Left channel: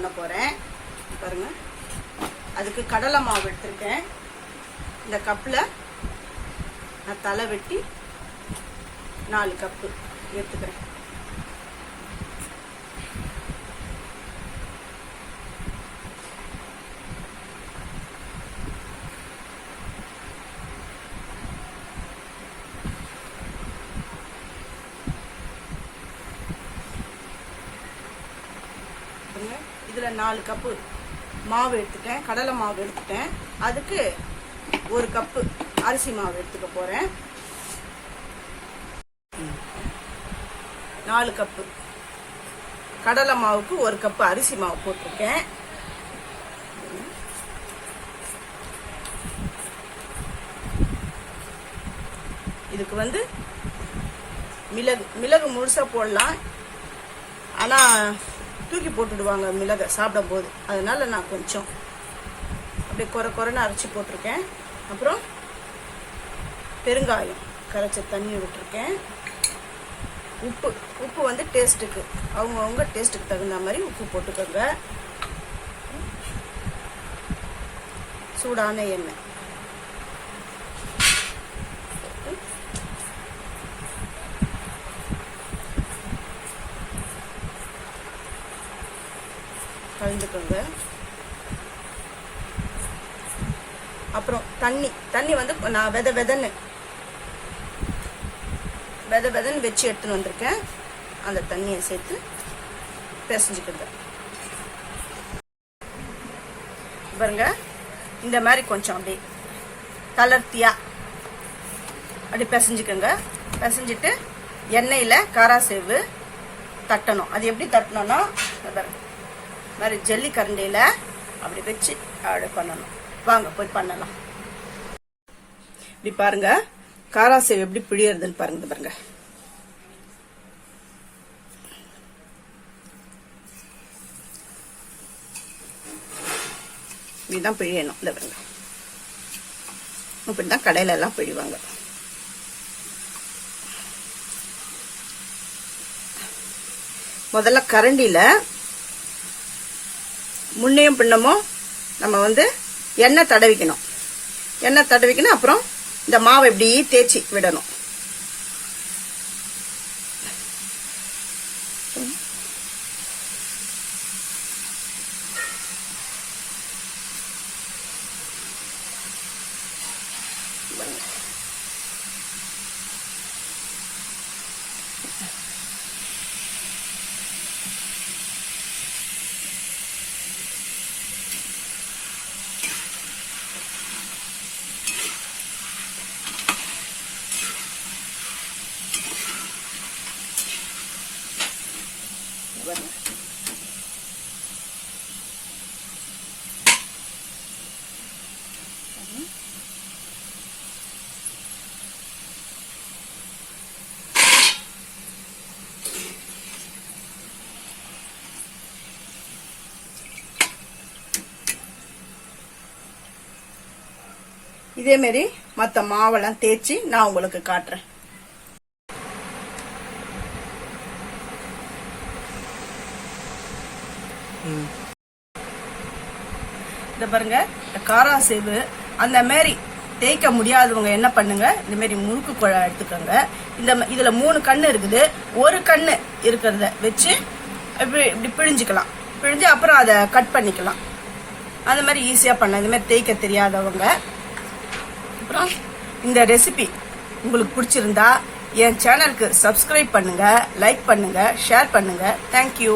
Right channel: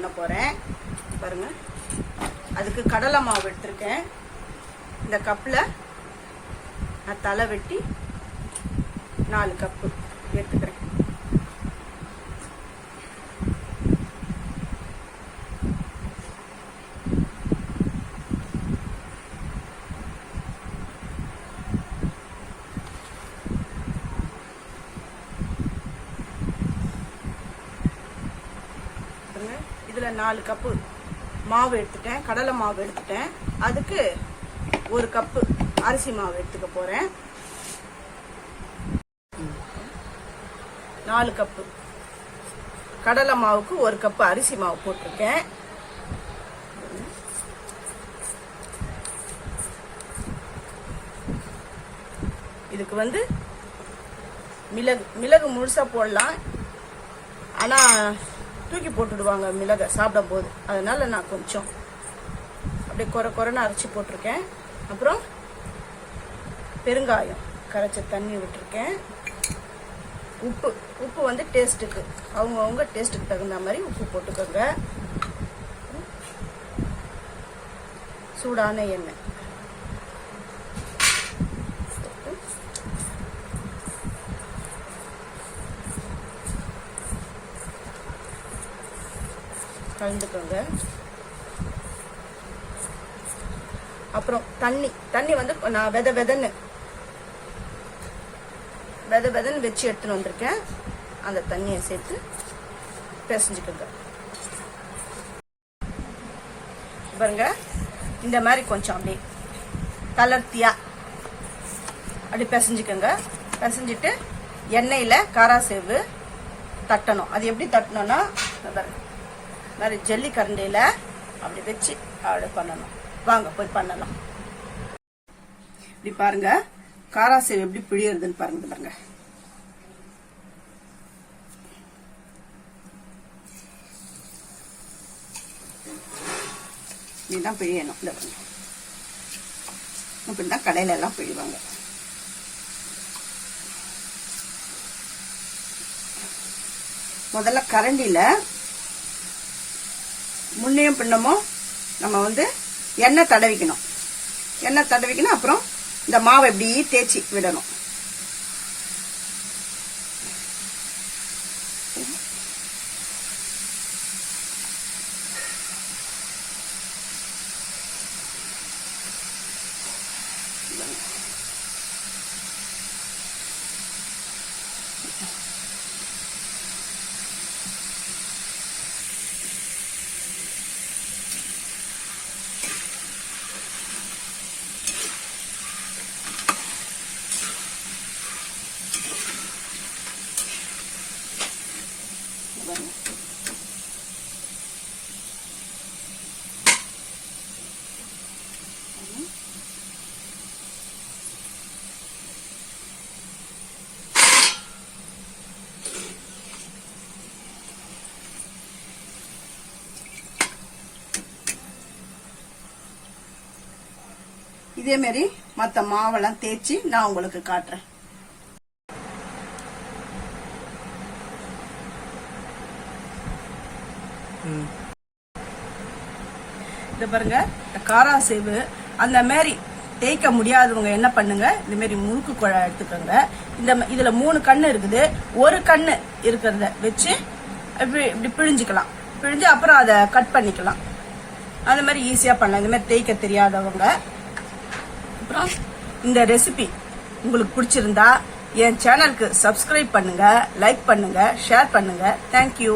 பண்ண போறேன். பாருங்க, அதுக்கு கடலை மாவு எடுத்திருக்கேன். இந்த கப்பில் நான் தலை வெட்டி 4 கப்பு எடுத்துக்கிறேன். இதுல 4 கப்பு மாவு எடுத்துட்டேன், கடலை மாவு எடுத்துட்டேன். அதுக்கு 1 கப்பு அரிசி மாவு எடுத்துக்க போறேன். 4 கப்பு கடலை மாவுக்கு 1 கப்பு அரிசி மாவு போட்டிருக்கேன். இதுக்கு மிளகு முழுசா போடலாம், ஆனா தூக்கி போட்டுடுவாங்க மிளகை சாப்பிடும் போது. அதனால நான் கொஞ்சம் அப்படியே குறைன்னு அரைச்சி போட்டிருக்கேன். அப்புறம் பெருங்காயம் கரைச்ச தண்ணி விட்டுருக்கேன். உப்பு டேஸ்ட்டுக்கு அவங்கவுங்க டேஸ்ட்டுக்கு தகுந்த மாதிரி உப்பு போட்டுக்கோங்க. சூடான எண்ணெய் கலந்துக்கோங்க. அப்புறம் தண்ணி நான் வெத வெதன்னு வச்சு எடுத்துன்னு வந்திருக்கேன். அந்த தண்ணியை சேர்த்து பிசைஞ்சுக்கோங்க. பாருங்க, இந்த மாதிரி கொஞ்சம் அப்படியே தளர்த்தியா அப்படி பிசைஞ்சுக்கோங்க. பிசைஞ்சிட்டு எண்ணெயில காராசேவு தட்டணும். அது எப்படி தட்டணும்னா, மாதிரி ஜல்லி கரண்டியில அப்படி வச்சு அப்படி பண்ணணும். வாங்க போய் பண்ணலாம். இப்படி பாருங்க, காராசேவ் எப்படி பிழியறதுன்னு பாருங்க. இப்படிதான் பிழியணும். இந்த பாருங்க, இப்படிதான் கடையில எல்லாம் பிழிவாங்க. முதல்ல கரண்டியில முன்னையும் பின்னமும் நம்ம எண்ணெய் தடவிக்கணும். அப்புறம் இந்த மாவை இப்படி தேய்ச்சி விடணும். இதே மாதிரி மற்ற மாவெல்லாம் தேய்ச்சி நான் உங்களுக்கு காட்டுறேன். இந்த பாருங்க, காராசேவு அந்த மாதிரி தேய்க்க முடியாதவங்க என்ன பண்ணுங்க, இந்த மாதிரி முறுக்கு குழா எடுத்துக்கோங்க. இதுல 3 கண்ணு இருக்குது. 1 கண்ணு இருக்கிறத வச்சு இப்படி பிழிஞ்சுக்கலாம். பிழிஞ்சு அப்புறம் அதை கட் பண்ணிக்கலாம். அந்த மாதிரி ஈஸியா பண்ணலாம். இந்த மாதிரி தேய்க்க தெரியாதவங்க. அப்புறம் இந்த ரெசிபி உங்களுக்கு பிடிச்சிருந்தா என் சேனலுக்கு சப்ஸ்கிரைப் பண்ணுங்க, லைக் பண்ணுங்க, ஷேர் பண்ணுங்க. தேங்க்யூ.